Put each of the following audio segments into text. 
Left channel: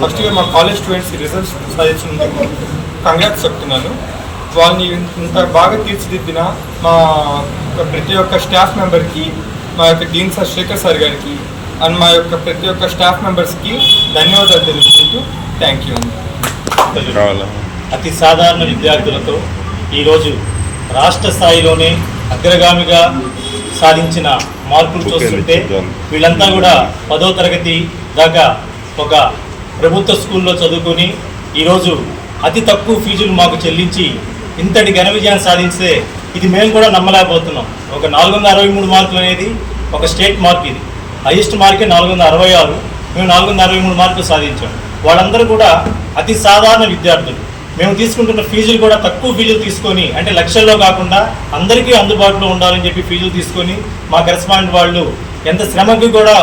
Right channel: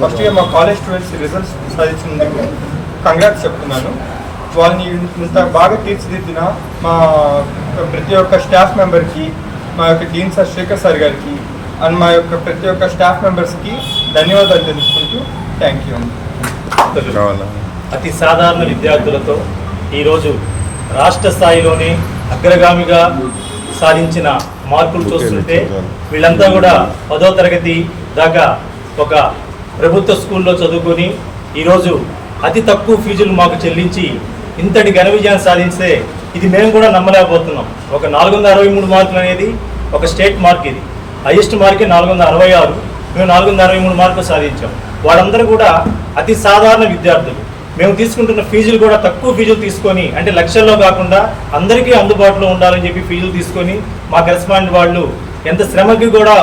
ఫస్ట్గా మా college students results సాధించినందుకు కంగ్రాట్స్ చెప్తున్నాను. వాళ్ళని ఇంత బాగా తీర్చిదిద్దిన మా ప్రతి ఒక్క స్టాఫ్ మెంబర్కి మా యొక్క డీన్ సార్ శేఖర్ సార్ గారికి అండ్ మా యొక్క ప్రతి ఒక్క స్టాఫ్ మెంబర్స్కి ధన్యవాదాలు తెలుసుకుంటూ థ్యాంక్ యూ అండి. అతి సాధారణ విద్యార్థులతో ఈరోజు రాష్ట్ర స్థాయిలోనే అగ్రగామిగా సాధించిన మార్కులు చూస్తుంటే వీళ్ళంతా కూడా పదో తరగతి దాకా ఒక ప్రభుత్వ స్కూల్లో చదువుకొని ఈరోజు అతి తక్కువ ఫీజులు మాకు చెల్లించి ఇంతటి ఘన విజయాన్ని సాధిస్తే ఇది మేము కూడా నమ్మలేకపోతున్నాం. ఒక నాలుగు వందల అరవై మూడు మార్కులు అనేది ఒక స్టేట్ మార్క్ ఇది. హైయెస్ట్ మార్కే నాలుగు వందల అరవై ఆరు మేము నాలుగు వందల అరవై మూడు మార్కులు సాధించాం. వాళ్ళందరూ కూడా అతి సాధారణ విద్యార్థులు. మేము తీసుకుంటున్న ఫీజులు కూడా తక్కువ ఫీజులు తీసుకొని అంటే లక్షల్లో కాకుండా అందరికీ అందుబాటులో ఉండాలని చెప్పి ఫీజులు తీసుకొని మా కరెస్పాండెంట్ వాళ్ళు ఎంత శ్రమకి కూడా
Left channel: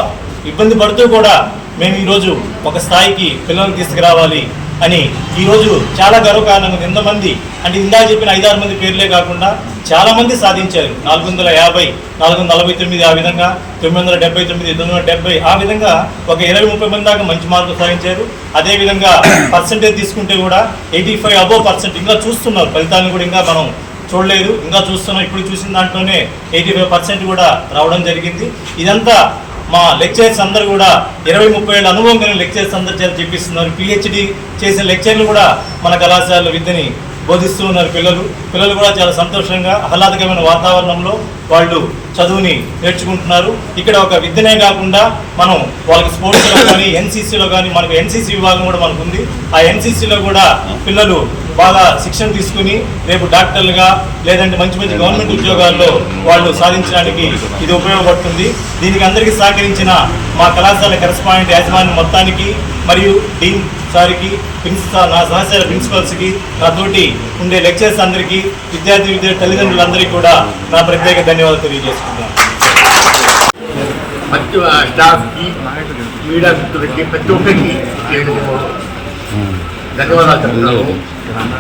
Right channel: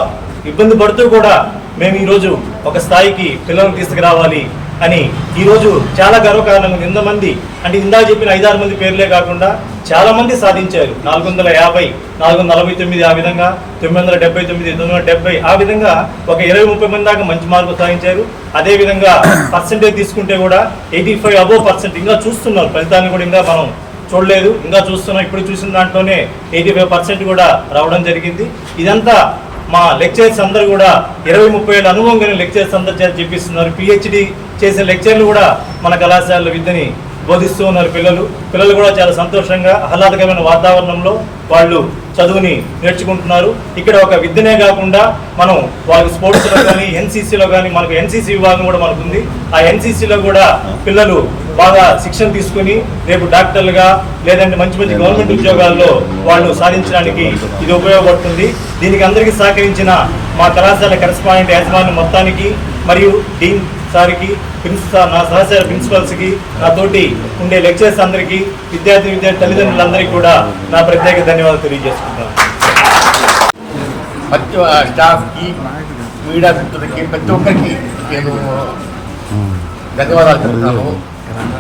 ఇబ్బంది పడుతూ కూడా మేము ఈరోజు ఒక స్థాయికి పిల్లలను తీసుకురావాలి అని ఈరోజు చాలా గర్వకారణంగా ఎంతమంది అంటే ఇందా చెప్పిన ఐదారు మంది పేర్లే కాకుండా చాలామంది సాధించారు. నాలుగు వందల యాభై నాలుగు వందల నలభై తొమ్మిది ఆ విధంగా తొమ్మిది వందల డెబ్బై తొమ్మిది తొమ్మిది వందల డెబ్బై ఆ విధంగా ఒక ఇరవై ముప్పై మంది దాకా మంచి మార్కులు సాధించారు. అదేవిధంగా పర్సంటేజ్ తీసుకుంటే కూడా ఎయిటీ ఫైవ్ అబోవ్ పర్సెంట్ ఇంకా చూస్తున్నారు. ఫలితాన్ని కూడా ఇంకా మనం చూడలేదు. ఇంకా చూస్తున్నాం. ఇప్పుడు చూసిన దాంట్లోనే ఎయిటీ ఫైవ్ పర్సెంట్ కూడా రావడం జరిగింది. ఇదంతా మా లెక్చరర్స్ అందరూ కూడా ఇరవై ముప్పై ఏళ్ళ అనుభవం కలిగిన లెక్చరర్స్ అందరూ చెప్పిస్తున్నారు. పిహెచ్డి చేసిన లెక్చర్లు కూడా మన కళాశాలలో విద్యని బోధిస్తూ ఉన్నారు పిల్లలు. పిల్లలు కూడా చాలా సంతోషంగా ఆహ్లాదకరమైన వాతావరణంలో వాళ్ళు చదువుని నేర్చుకుంటున్నారు. ఇక్కడ ఒక విద్యనే కాకుండా మనం వాళ్ళకి స్పోర్ట్స్లో కానీ ఎన్సీసీలో కానీ మనకు ఎన్సీసీ విభాగం కూడా మనకు ఉంది ఆ ఎన్సీసీలో కూడా పిల్లలు బాగా శిక్షణ తీసుకుని రేపు డాక్టర్లుగా లేదంటే మంచి మంచి గవర్నమెంట్ ఉద్యోగాల్లో వాళ్ళు సాధించడానికి ఇది ఉపయోగపడుతుంది. దీనికి అందరికీ సహకరించిన మా కళాశాల కరెస్పాండెంట్ యాజమాన్యం మొత్తానికి మరియు డీన్ సార్కి ప్రిన్సిపల్ నా సహచర ప్రిన్సిపల్స్కి నా తోటి ఉండే లెక్చర్స్ అందరికీ విద్యార్థి విద్యార్థి తల్లిదండ్రులందరికీ కూడా నా ప్రత్యేక ధన్యవాదాలు తెలియజేసుకుంటాను ప్రతి స్టాఫ్కి మీడియా మిత్రులకి ప్రతి ఒక్కరికి నేను ధన్యవాదాలు చెప్తున్నాను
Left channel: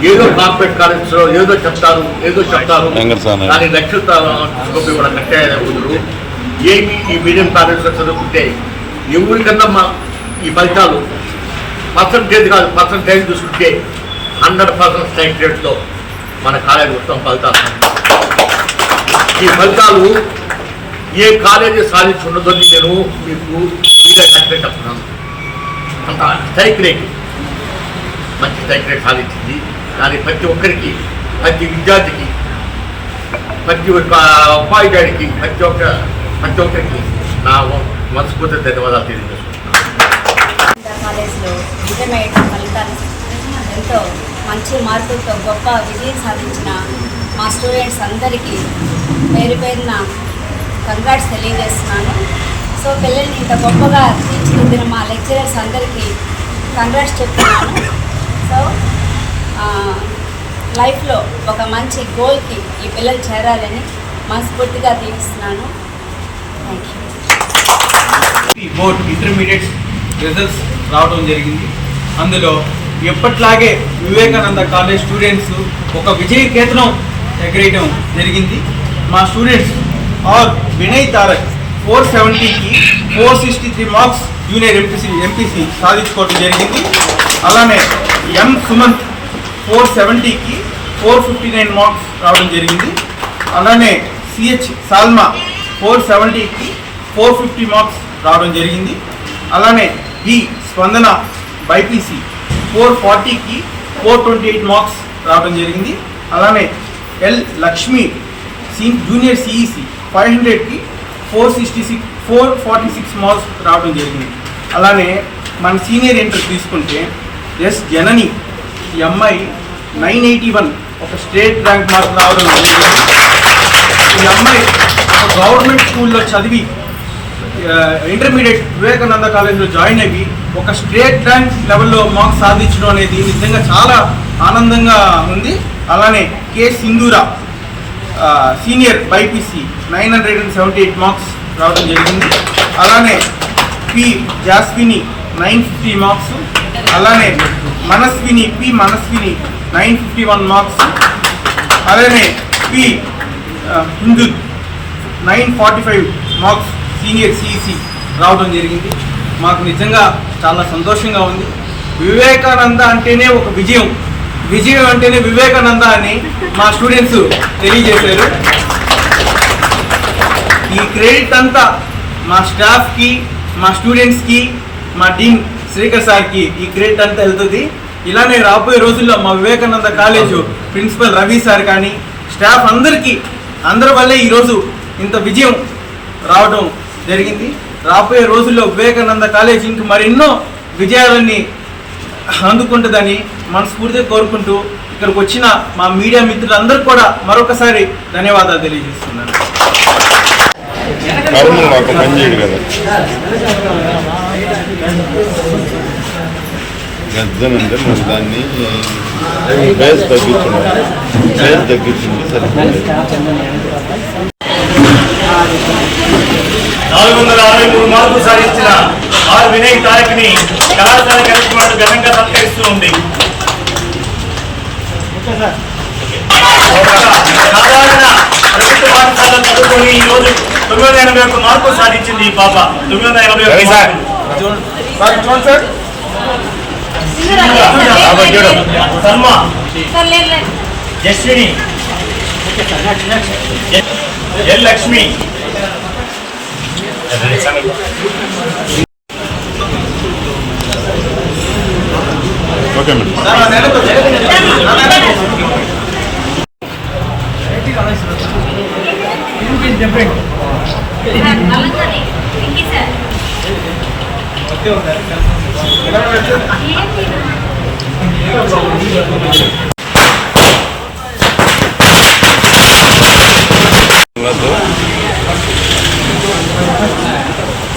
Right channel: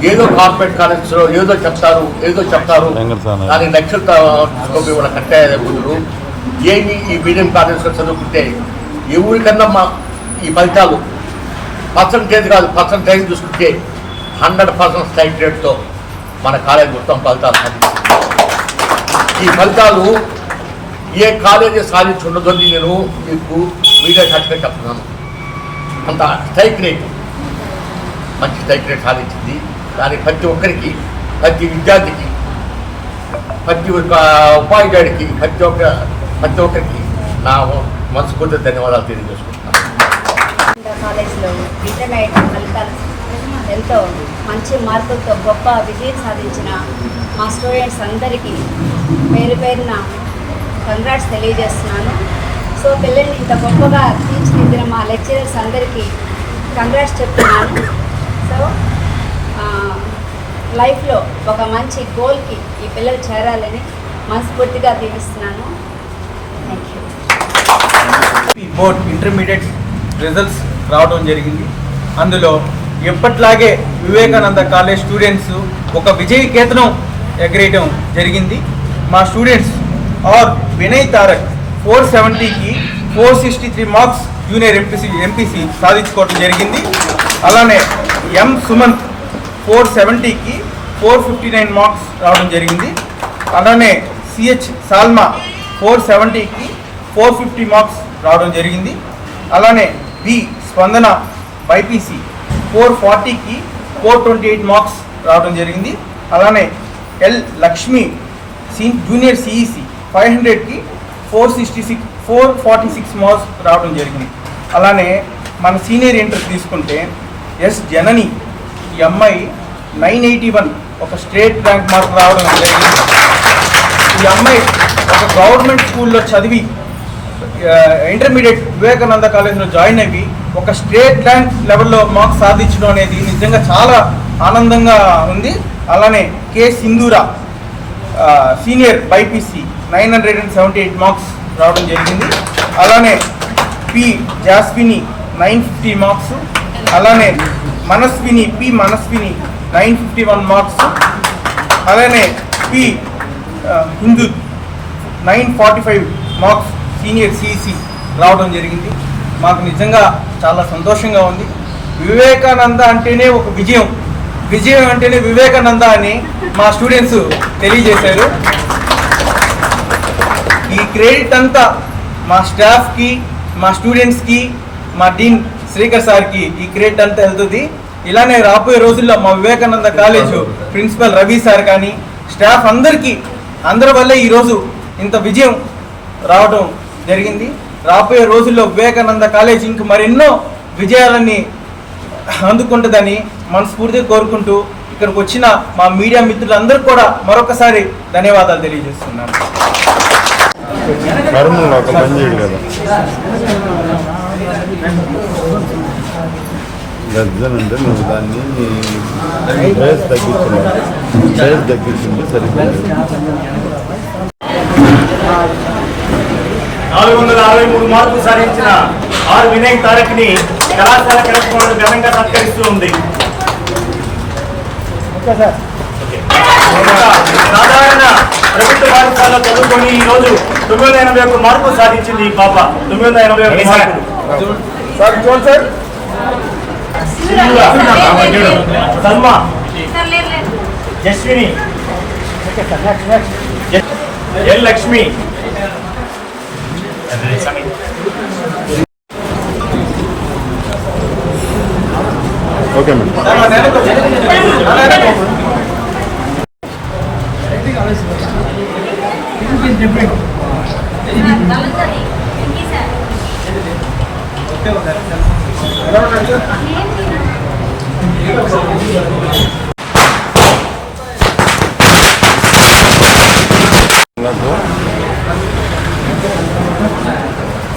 ఏదో కార్పొరేట్ కాలేజ్లో ఏదో చెప్తారు ఏదో చెప్తారు. దానికి తీసుకొని కూడా కట్టే ఏమి ఈ మీడియం కాలేజ్లో చదువుకుంటే ఎవరికన్నా మా ఈ ఫలితాలు పర్సంటేజ్ కాదు పర్సంటేజ్ చూసుకుంటే హండ్రెడ్ పర్సెంట్ స్ట్రైక్ రేట్తో మన కాలేజ్ ఉత్తమ ఫలితాలు. ఈ ఫలితాలు ఏ కాలేజీ సాధించి ఉండదని నేను మీకు మీడియా చెప్తున్నాను. అంత స్ట్రైక్ రేట్ మంచి స్ట్రైక్ సాధించింది. కానీ ప్రతి ఒక్కరికి ప్రతి విద్యార్థికి ప్రతి ఒక్క ఉపాధ్యాయుడికి ప్రతి ఒక్క ప్రతి ఒక్కరికి నా మనస్ఫూర్తి ధన్యవాదాలు తెలియజేసుకుంటున్నాను. కాలేజ్లో ఇంటర్మీడియట్ ఫలితాలు ఎంతో మంచి మార్కులతో గొప్ప విజయం సాధించిన మా స్టూడెంట్స్ అందరికీ పేరు పేరున కంగ్రాట్స్ తెలియజేస్తున్నాను. సో పిల్లల్ని ఇంత గొప్పగా తీర్చిదిద్దిన మా లెక్చరర్స్ అందరికీ కంగ్రాట్స్ చెప్తున్నాను. సో లైఫ్లో ఒక మంచి గోల్కి ఈ పిల్లలు చేరాలని మనస్ఫూర్తిగా దీవిస్తున్నాను. Thank you board intermediate results రావడం జరిగింది. అందులో ఎప్పట్లాగే వివేకానంద కాలేజ్ స్టూడెంట్స్ ఒక విజయ కేతనం ఎగరేయడం జరిగింది. మా students R Vinay Tarak four సెవెంటీకి four sixty three marks junior MPC MPC సాధించుకోవడం జరిగింది. అలానే ఎం సుమంత్ ఫోర్ సెవెంటీకి ఫోర్ ఫిఫ్టీ నైన్ మార్క్స్ రావడం జరిగింది. అలానే సిహెచ్ సాల్మా ఫోర్ సెవెంటీకి ఫోర్ ఫిఫ్టీ మార్క్స్ రావడం జరిగింది. అలానే బి స్పందన బైపీసీ ఫోర్ ఫార్టీకి ఫోర్ ట్వంటీ ఎయిట్ మార్క్స్ రావడం జరిగింది. అలానే L Lakshmi C junior CEC five హండ్రెడ్కి four sixty six four forty six marks రావడం జరిగింది. అలానే మన సీనియర్ ఇంటర్ తీసుకుంటే ఎస్ జనని ఈ అమ్మాయి నైన్ ఎయిటీ వన్ ఒక స్టేట్ ర్యాంక్ మార్క్ రావడం జరిగింది. ఈ అమ్మాయి ఒక గవర్నమెంట్ స్కూల్లో చదివి ఇంటర్మీడియట్ వివేకానంద కాలేజ్లో జాయిన్ అయ్యి ఒక స్టేట్ ర్యాంక్ లెవెల్లో మార్క్స్ సాధించడం అనేది నిజంగా చాలా ఆనందంగా ఉంది. అలానే K Sindhura senior BiPC nine hundred and seventy eight marks రావడం జరిగింది. అలానే P Jaswini nine fifty marks అలానే Manaswini P Manaswini nine fifty one marks. అలానే P Hindu nine forty five marks senior CEC రావడం జరిగింది. మాకు నిజంగా చాలా సంతోషంగా ఉంది. వివేకానంద అంటేనే ఒక విజయం. విజయం అంటేనే వివేకానంద అని మా స్టూడెంట్స్ తెలియజేశారు. ఈ క్రెడిట్ అంతా మా స్టాఫ్కి మా స్టూడెంట్స్కి మా డీన్ శ్రీకర్ సార్కి ఈ క్రెడిట్ అంతా వెళ్తుంది. ఇలానే రాబోయే రోజుల్లో మా Vivekananda college principal Ravi sir కానీ స్టాఫ్ అందరికీ అందరి వల్లే ఈరోజు ఇంత విజయం రావడం జరిగింది. రాబోయే రోజుల్లో వివేకానంద కాలేజ్ ఇంక మరెన్నో విజయాలన్నీ అందుకుంటుందని మనస్ఫూర్తిగా కోరుకుంటూ ఇక్కడికి వచ్చిన మా మీడియా మిత్రులందరూ కూడా మరొకసారి ధన్యవాదాలు తెలియజేస్తున్నాను. కర్నూలు ఒక పని చేయడు కదా గర్జన అంటే నువ్వు దాన్ని బేస్ తగ్గించున్నావు బేస్ తగ్గించింది సరిపోయింది నాలుగు వందల అరవై మూడు మార్కులు సాధించిన ఆర్ వినయ్ తారక్ని కళాశాల కరెస్పాండెంట్ ఘనంగా సత్కరిస్తూ ఉంది. సాధారణ ప్రభుత్వ పాఠశాలలో చదువుకొని ఈ రోజు తొమ్మిది వందల ఎనభై ఒక్క మార్కులు సాధించింది ఈ పాప. తొమ్మిది వందల ఎనభై ఒక్క మార్కులు సార్ చూడండి sir సింధుగా, Salma Yashwini L Lakshmi okay madam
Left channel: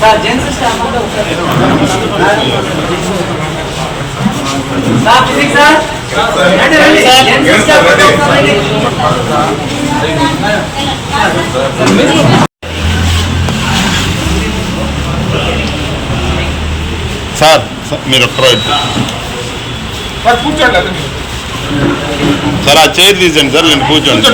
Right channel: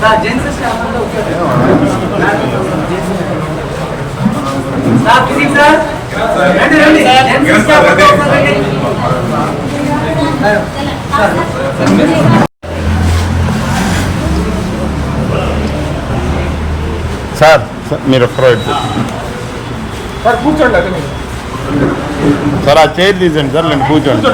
sir gents staff అంతా ఒకసారి సార్ ఫిజిక్స్ సార్ రండి రండి జెంట్స్ స్టాఫ్ అంతా ఒకసారి రండి సార్. సార్, మీరు వైపు సార్ కూర్చోండి సార్ ఆ చైర్ తీసేయండి సార్ నేను కూర్చోండి.